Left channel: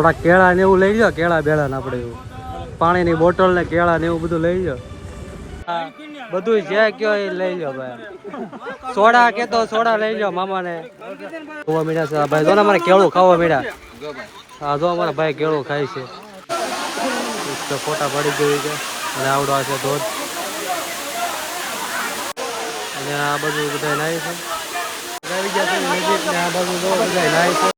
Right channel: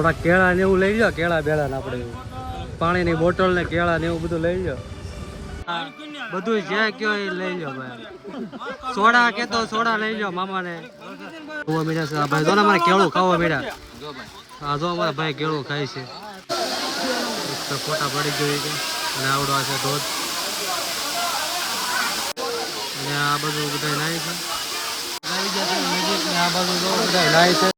થોડા કેળા ને એવું લઈ જાઓ, કેળા બેળા ને આપણે એવું પાણીની બોટલ ને કેળા ને એવું બધું લઈ જાઓ. બધું જે કયો એ લઈ જાઓ ભાઈ. સોડા કે તો સોડા લઈ જાઓ મામા ને. ખાવા મીઠા છે ભાઈ, જો ને અમારે કેળું ખાવા મીઠા. હા જો અમારા ભાઈ કેળું ખાય છે. ફોટા પડી ગઈ છે અને આવડો છે ધોધ. અને આ બધું બધા નાય છે આવી ગયા છે નજીક ને આ બાજુ જો બધા નાય છે.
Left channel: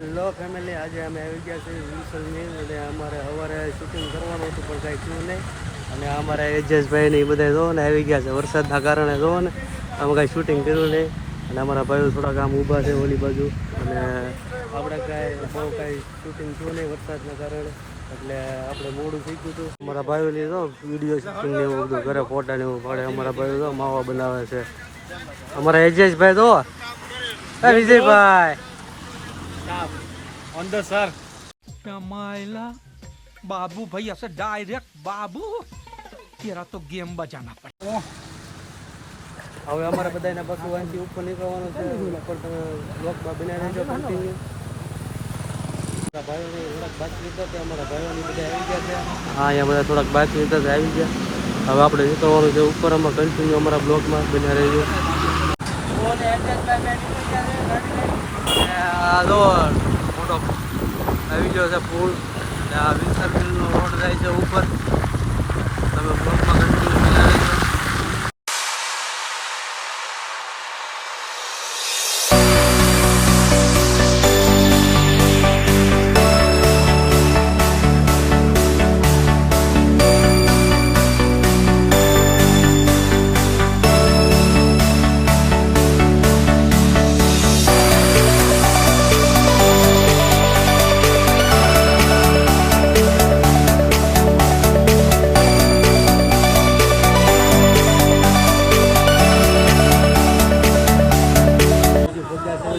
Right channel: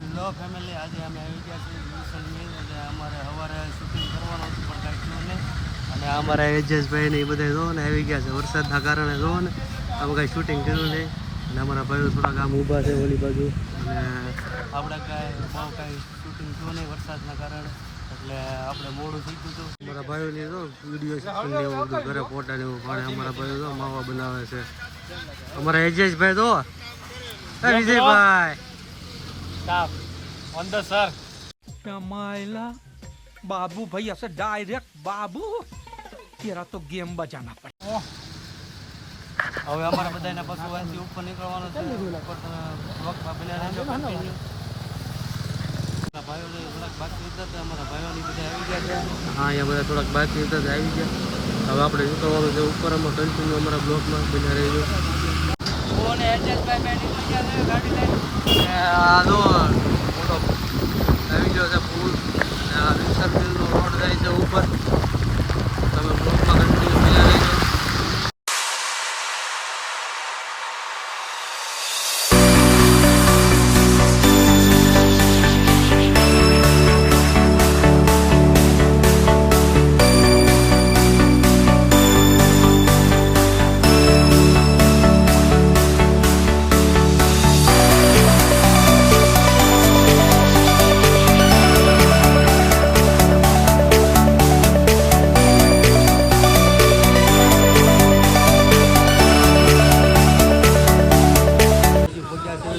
હેલો ફેમિલી, આજે અમે આવી ગયા છીએ વિલ્સનની અને અમારે સવારે શૂટિંગ કરવાનું હતું પણ કાંઈ થયું નહીં. અને અમારા એજેશભાઈ ને એ બધા જોવો ને આવી ગયા છે વરસાદના કારણે. જોવો ને અમે કાંઈ શૂટિંગ કર્યું નહીં અને અમારા ભાઈઓ થોડાક આમ ઊભા છે ઓલી બાજુ. અને આપણે કાંઈ બહુ કાંઈ શૂટિંગ થયું નહીં વરસાદના કારણે, એટલે આપણે મોડું થઈ ગયું હતું. અમારા ભાઈઓ લીધો વિડીયો શૂટિંગ ને એવું બધું ઘરે ફોટા ને એવું પડે. અમારા ભાઈઓ તો માવા બનાવે છે. અમારા એજેશભાઈ તો વિજયભાઈ ऑन द सर कमाइला बाबू भाई ऐसे डायरेक्ट बाबू तेरा तो गेम बजाना पड़े. હવે અમારા બધાના પાછું વાંચી ઉપર નીકળવાનું છે. ઉપર તમે બ્લોગમાં બન્યા રહેજો કન્ટિન્યુ. અમારા ભાઈઓને થોડાક બાકી હતા તે અમારા ભાઈઓની બધા આવી ગયા છે. હા અહીંયા બધા થોડાક બાકી હતા તે આવી ગયા. હવે આપણે નીકળવાનું છે ઉપર. અમે કન્ટિન્યુ અમારા બ્લોગમાં બન્યા રહેજો. આ જો આવી ગયો છે પુલ. આ વિલ્સન મિલનો રોડ જાય છે ઉપર. તમે બ્લોગમાં કન્ટિન્યુ બન્યા રહેજો.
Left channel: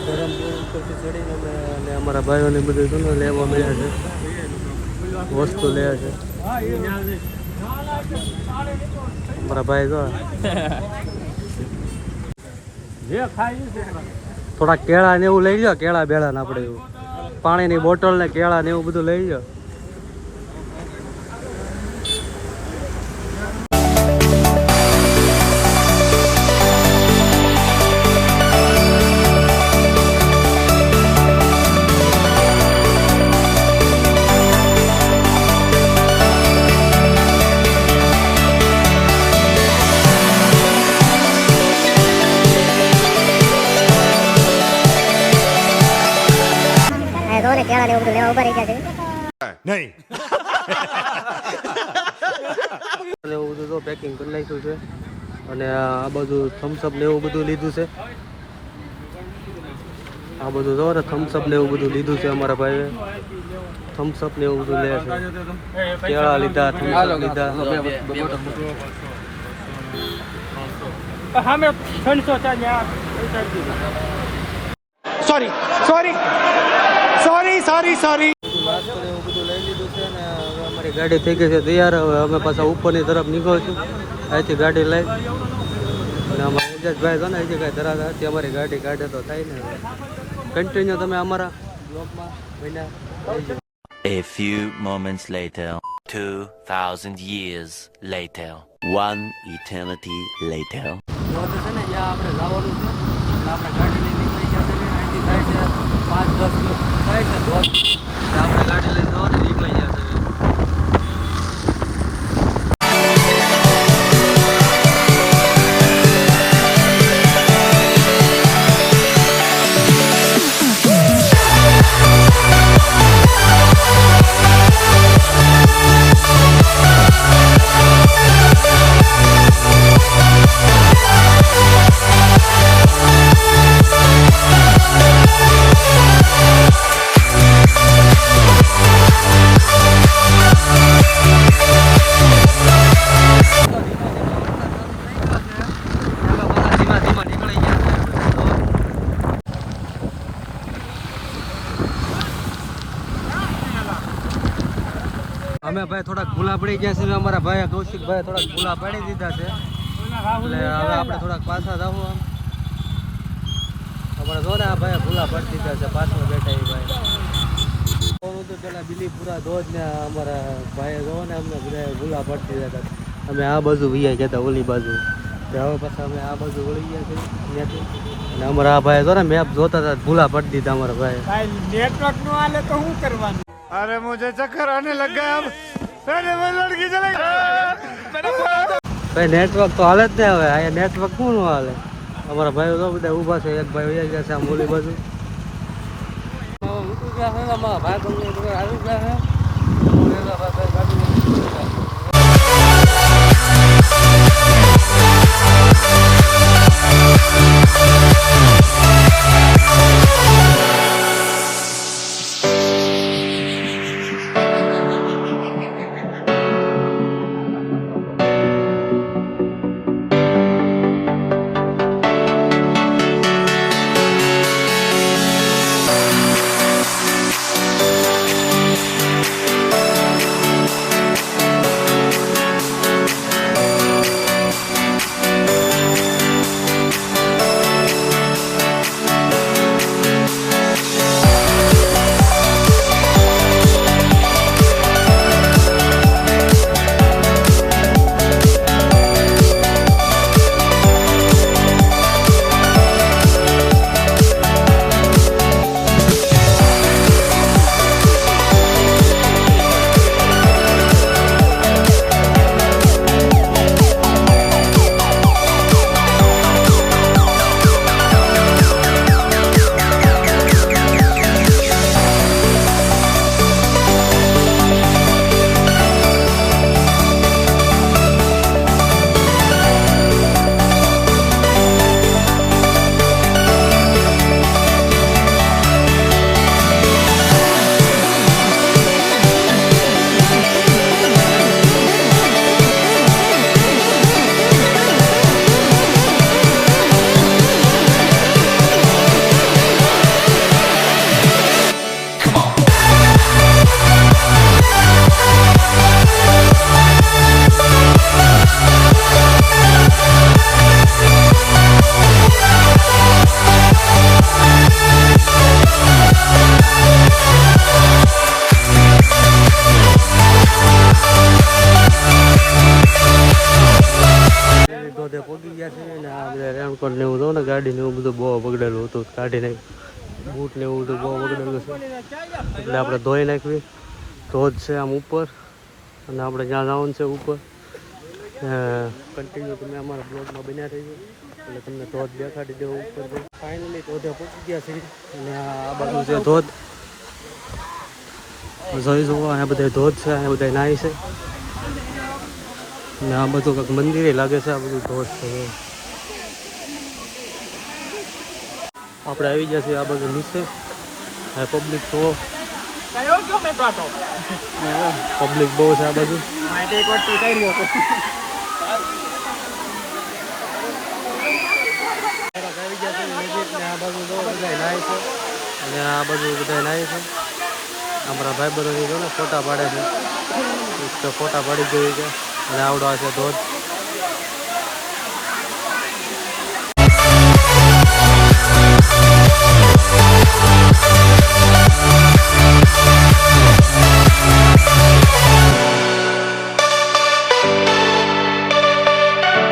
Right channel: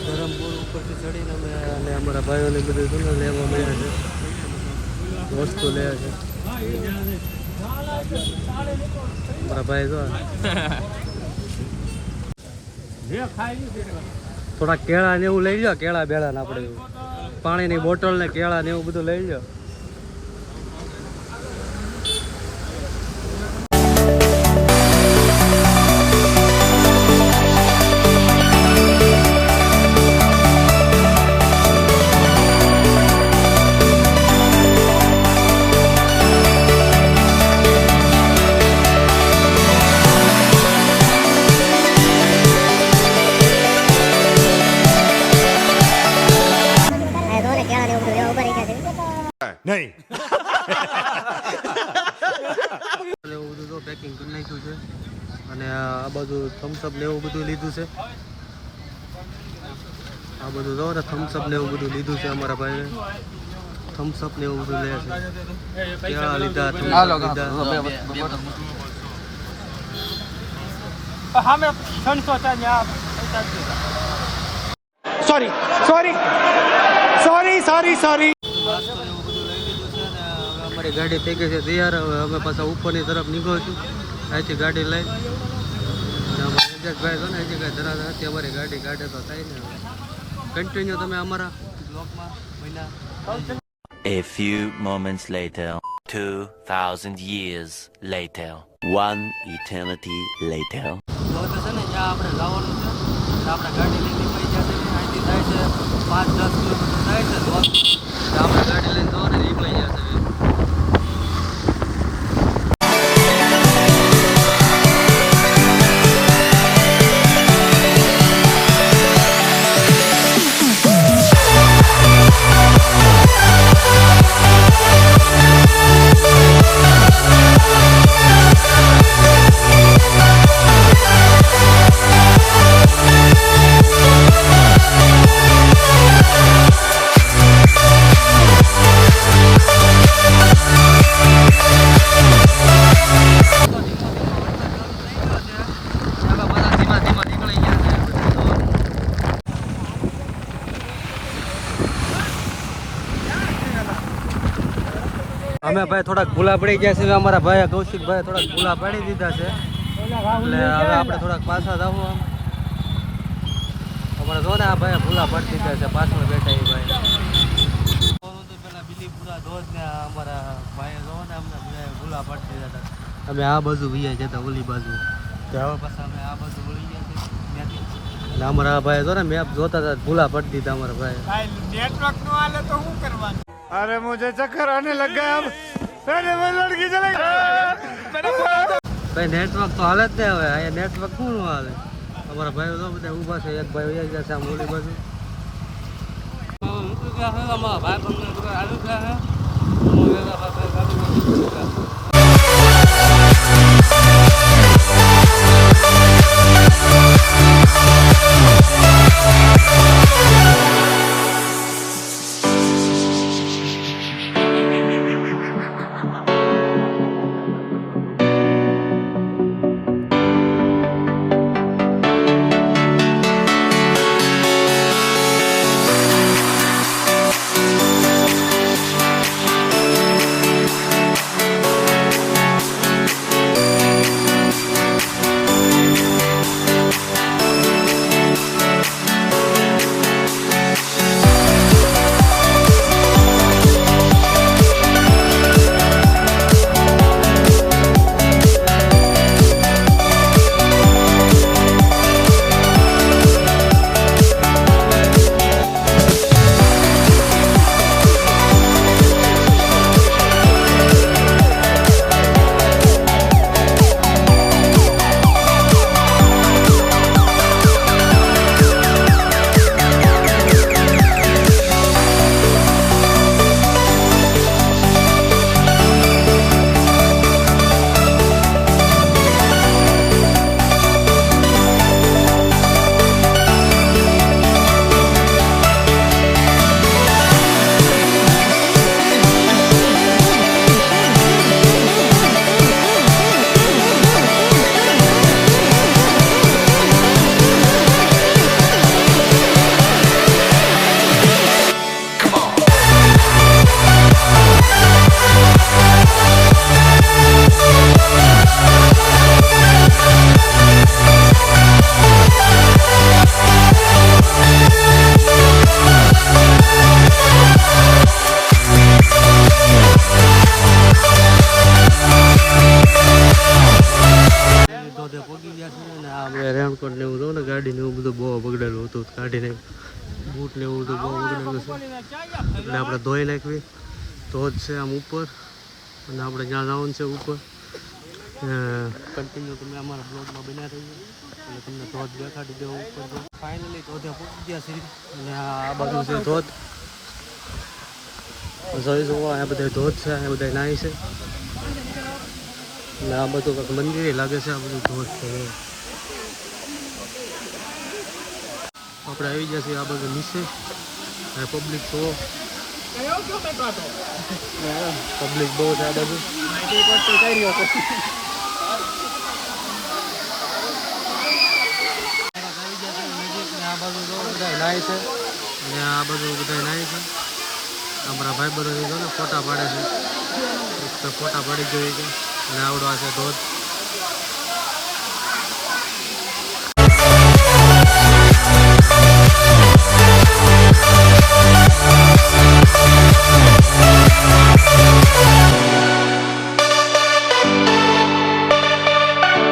ધરમપુર ઉપરથી ચડીને અમે અમારા ભાઈઓને બધું લેવા મળ્યા છે, વસ્તુ લે છે. અમારા ભાઈ તો થોડા કેળા ને એવું લઈ જાઓ, કેળા બેળા ને આપણે એવું પાણીની બોટલ ને કેળા ને એવું બધું લઈ જાઓ. નહીં એવું બધું તો પેકિંગ કરી નાખ્યું છે. અને આ બધું થમ્સઅપ ને એવું બધું લીધું છે. આ બધું જો ને થમ્સઅપ ને એવું બધું લીધું છે. અમારા ભાઈએ થમ્સઅપ ને એવું બધું લે છે. કેળા લીધા, થમ્સઅપ લીધા. Sorry sorry sorry sorry sorry નાસ્તો ને એવું બધું લઈ લીધું છે. અને હવે અમારી ગાડી થઈ ગઈ છે તૈયાર. હવે અમે પાછા ઉપરની તરફ નીકળું છું અહીંથી ગાડી લઈ. અને અમારા એજેશભાઈ છે ને હજી કાંઈ ધરાતા હતી અમારી ગાડી કાઢે તો થાય ને. કન્ટિન્યુ તમે અમારા બ્લોગમાં બન્યા. A few moments later, 2000 years later, one eternity later. તો છે ને જ્યાં આપણે જવાનું છે આપણે ગાડી લઈને પૈસા દેવીને અહીંથી થાય છે 5-10 કિલોમીટર થાય છે. તો આપણે ગાડી લઈને જવાની નીકળી ગયા છે. અમે ભાઈ થોડાક ભૂલા પડી ગયા છે. અમારા ભાઈ કૌશિકભાઈ થોડાક ભૂલા પાડી દીધા છે એટલે હવે આપણે થોડાક પાછા જવું. ભૂલા પાડી દીધા છે પાછળ દેખાય તો પેલા બિલીપુરા ધોધ ને અમારા ભાઈ જો ને અમને બધા ભૂલા પાડી દીધા હતા અમે આ બાજુ વૈયા ગયા હતા ઓલી બાજુ હવે પાછા અમે આ બાજુ વળી ગયા છીએ અને અમારા આ ભાઈ જો ને મેપ જોતા હતા ભૂલા પાડી દીધા અમારા ભાઈ નેટવર્ક નું હાલે તો શું કરવાનું? अरे मुझे चक्कर आने लग गया अब अरे वो लड़की चले ભાઈ નેટવર્ક તો હાલે જ નહીં હવે અહીંયા નેટવર્ક શું ન હાલે અમારા ભાઈઓ તો બધા ઊભા છે એક ભાઈ વૈયા ગયા છે આમ ઓલી બાજુ અમારા ભાઈ બંને આવી ગયા રેનકોટ ને એવું ને ગાડી ને એવું બધું બહુ બગડેલું હતું કાઢીને બૂટ ને એવું બધું બહુ બગડેલું છે એટલે આપણે ધોઈ નાખવી ધોધ છે આમ ઉપર અને આપણે જ્યાં જવાનું છે ઉપર કન્ટિન્યુ તમે અમારા બ્લોગમાં બન્યા રહીએ એટલે તમને ધોધ દેખાડી દેવો ઉપર ફાઇનલી ધોધે પહોંચી ગયા છે અને આ બાજુ છે ધોધ જોઈ જુઓ અહીંયા બધા ધોધ છે અહીંયા બધા નાય છે અને આ બધું કંઈક મંદિરે લાગે છે આ બધું ધોધ છે આપણે આવી ગયા છીએ આ બધું નીચે આ પબ્લિક જુઓ પબ્લિક બહુ છે આ બધું આવી ગયા છે નજીક ને આ બાજુ જો બધા નાય છે અને આ બાજુ બધા નાય છે અમારા ભાઈ બરોની જો ને ફોટા પાડે છે ફોટા પાડી જોઈએ કે અને આવડો આ છે ધોધ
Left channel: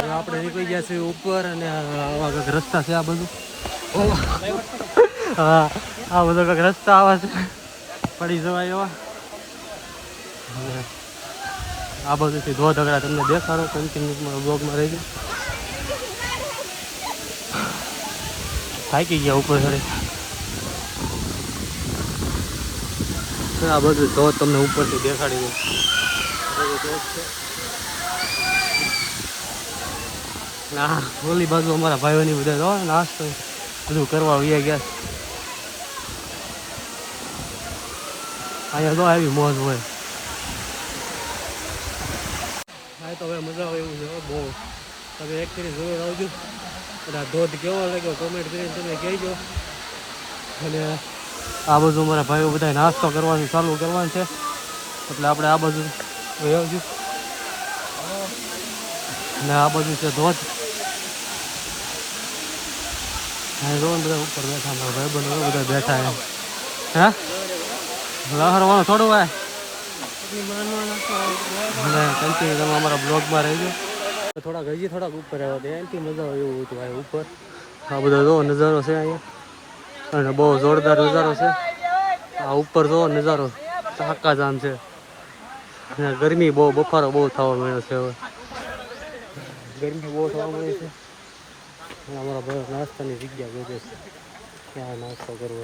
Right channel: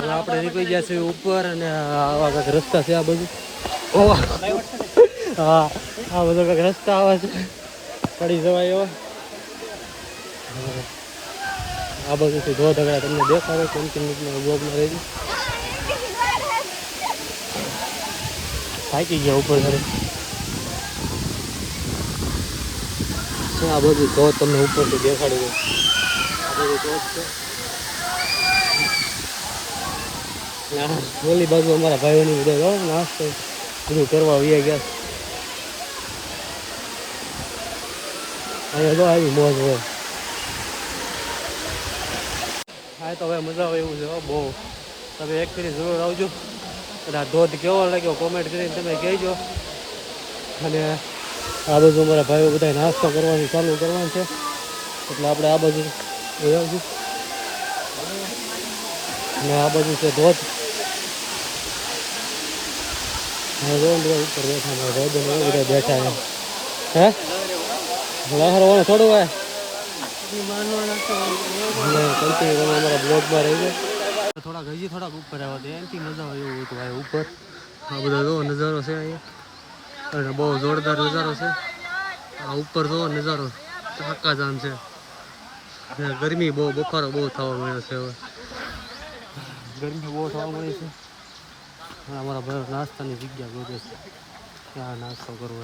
આપણે નીકળી ગયા છીએ ઉપર અને આવા કંઈક રસ્તા છે આ બધું આ બધો કંઈક રસ્તા આવા છે પડી જવાય એવા આ બધું ધોધ અગડા તમને દેખાડો કન્ટિન્યુમાં બ્લોગમાં રહેજો થાકી ગયા ઉપર ઘરે આ બધું ધોધ તમને ઉપરથી દેખાડી દો આ બધું ધોધ છે ના ઓલી બાજુ અમારા ભાઈઓની બધા જો નાસ્તો બધું કરવા વયા ગયા અને તો આવી મોજ હોય હા તો હવે મજા આવે એવું છે બહુ તમે એક ફેરી જરૂર આવજો અને આ ધોધ કેવો લાગ્યો કોમેન્ટ કરીને તમે કહેજો અને આ બાજુ અમારા ભાઈઓ બધા નાસ્તો કરવાની ચાલુ કરવાનું છે એટલે આપણે આ બાજુ આવશું અને આ બાજુ છે ધોધ હા જો બધા ઉપર બેઠા મારા ભાઈ બધા બેઠા હે લહરવાનું થોડું હોય કન્ટિન્યુ તમે અમારા બ્લોગમાં રહી ગયો થોડાક હજી થોડાક ઉપર આવ્યા હતા એનાથી મજા આવે એવું હતું ભાઈ ઉપર આ બધા જો નજારો છે અહીંયા અને બહુ જોરદાર નજારો છે આ ઉપર જો નજારો ચાકા જામ છે અને ગરમી બહુ બફારો બહુ થવા મળ્યો છે હવે ગરમી બહુ થવા મળી છે અમારા ભાઈ નાસ્તાની જગ્યા ગોતે છે ક્યાં નાસ્તો કરવો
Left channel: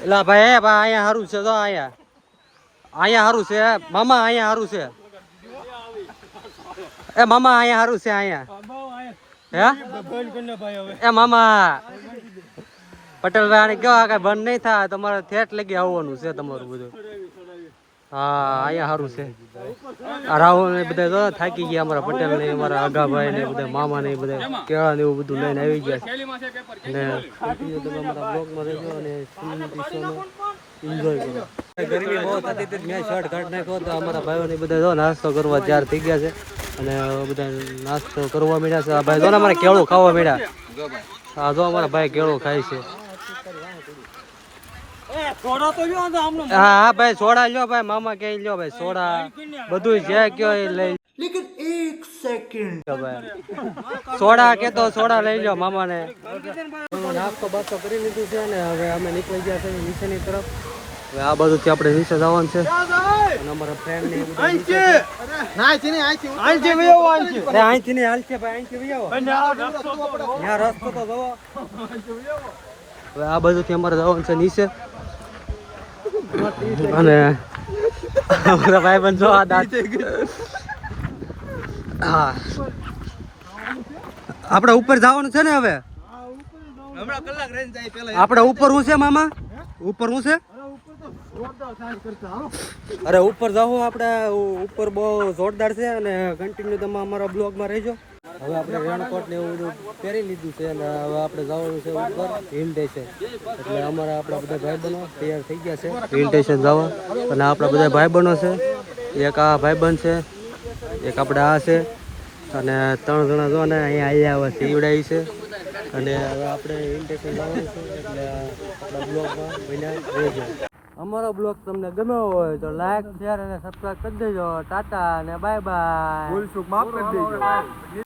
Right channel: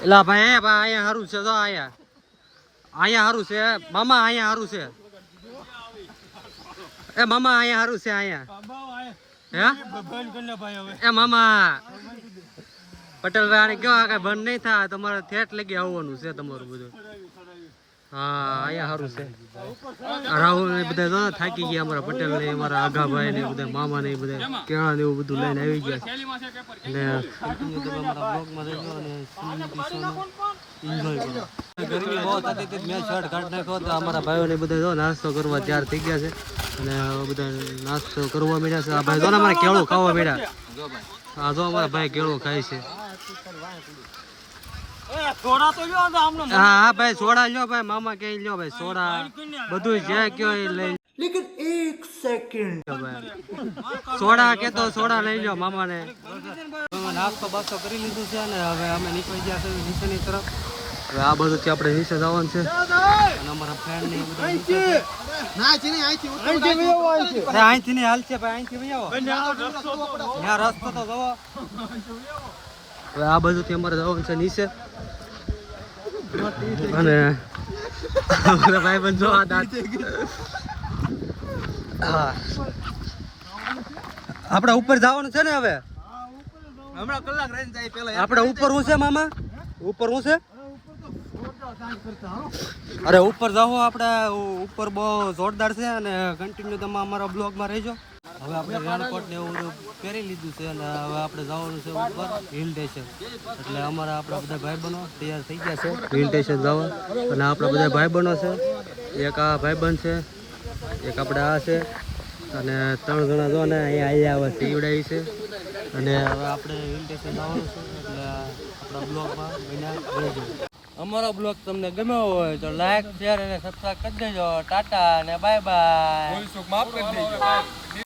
એલા ભાઈ અહીંયા સારું છે તો અહીંયા સારું છે મામા અહીંયા સારું છે એ મામા અહીંયા સારું છે અહીંયા હે એ મામા પટેલ ભાઈ કેવા કઈ બંધ નહીં થાય તમારે થેટ લગી આવવાનું છે તમારું બધું હા અહીંયા સારું છે આ રાહુલ ને બધા તો થાકી ગયા અમારા પટેલ ને અમારા આગાભાઈ ને બધા મામા ને બધા કેળા ને એવું બધું લઈને આવી ગયા અને તમે અમારા બ્લોગમાં રહેજો અને એન્જોય કરો ગરમી બહુ થતી હતી મેં શર્ટ કાઢી નાખ્યો તો અમારા ભાઈઓ ને બધા જો નાસ્તો કરવા તૈયાર થઈ ગયા છે અને બધા નાસ્તો કરવા માંડ્યા છે આ ભાઈ જો ને અમારે કેળું ખાવા માંડ્યા હા જો અમારા ભાઈ કેળું ખાય છે હા હા ભાઈ સોડા લ્યો ભાઈ મામા કે લ્યો ભાઈ સોડા બધું જે કયો એ લઈ લેકિન 1 સેકન્ડ ભાઈ સોડા કે તો સોડા લઈ લો મામા ને નાસ્તો બાસ્તો કરી લીધું છે ને હવે અમે નીકળી ગયા છે નીચેની તરફ હવે આ બાજુથી આપણે નીચે જવાનું છે અને અમારા ફ્રેન્ડ ને બધા નીચે છે અહીંથી નહીં હાલ છે ભાઈ અહીંથી આવો ત્યાં રસ્તો તો જવો હવે આ બાજુથી અમારે જવાનું છે નીચે અને અમારા ભાઈ પણ જો આ દાંત હા આપણે ઉપર જવાનું છે ને હવે આપણે ઉપર શું છે મામા ઉપર શું છે અરે ઉપર જાઓ આપણે ઉપર બહુ જોરદાર છે અને કન્ટિન્યુ તમે અમારા બ્લોગમાં રહેજો હવે આપણે રેનકોટ ને એવું બધું પહેરી લીધું છે અને હવે આપણે જવાનું છે ઉપર હિલ સ્ટેશન એટલે અમારા આપણા બધા ભાઈબંધો તૈયાર થઈ ગયા છે હિલ સ્ટેશન જવા અને આપણા બધા ભાઈબંધો છે એક આ ભાઈબંધ છે એક આપણે આ છે અને 3 જણા જો ને અહીંયા આવ્યા સીવડાવી છે અને હવે આપણે હિલ સ્ટેશન જવાનું છે એટલે આપણા બ્લોગમાં બન્યા રહેજો અમારો બ્લોગ તમને ગમ્યો હોય તો લાઈક શેર અને સબસ્ક્રાઇબ કરી દેજો ટાટા અને બાય બાય ભૂલ ચૂક માફ કરી દેજો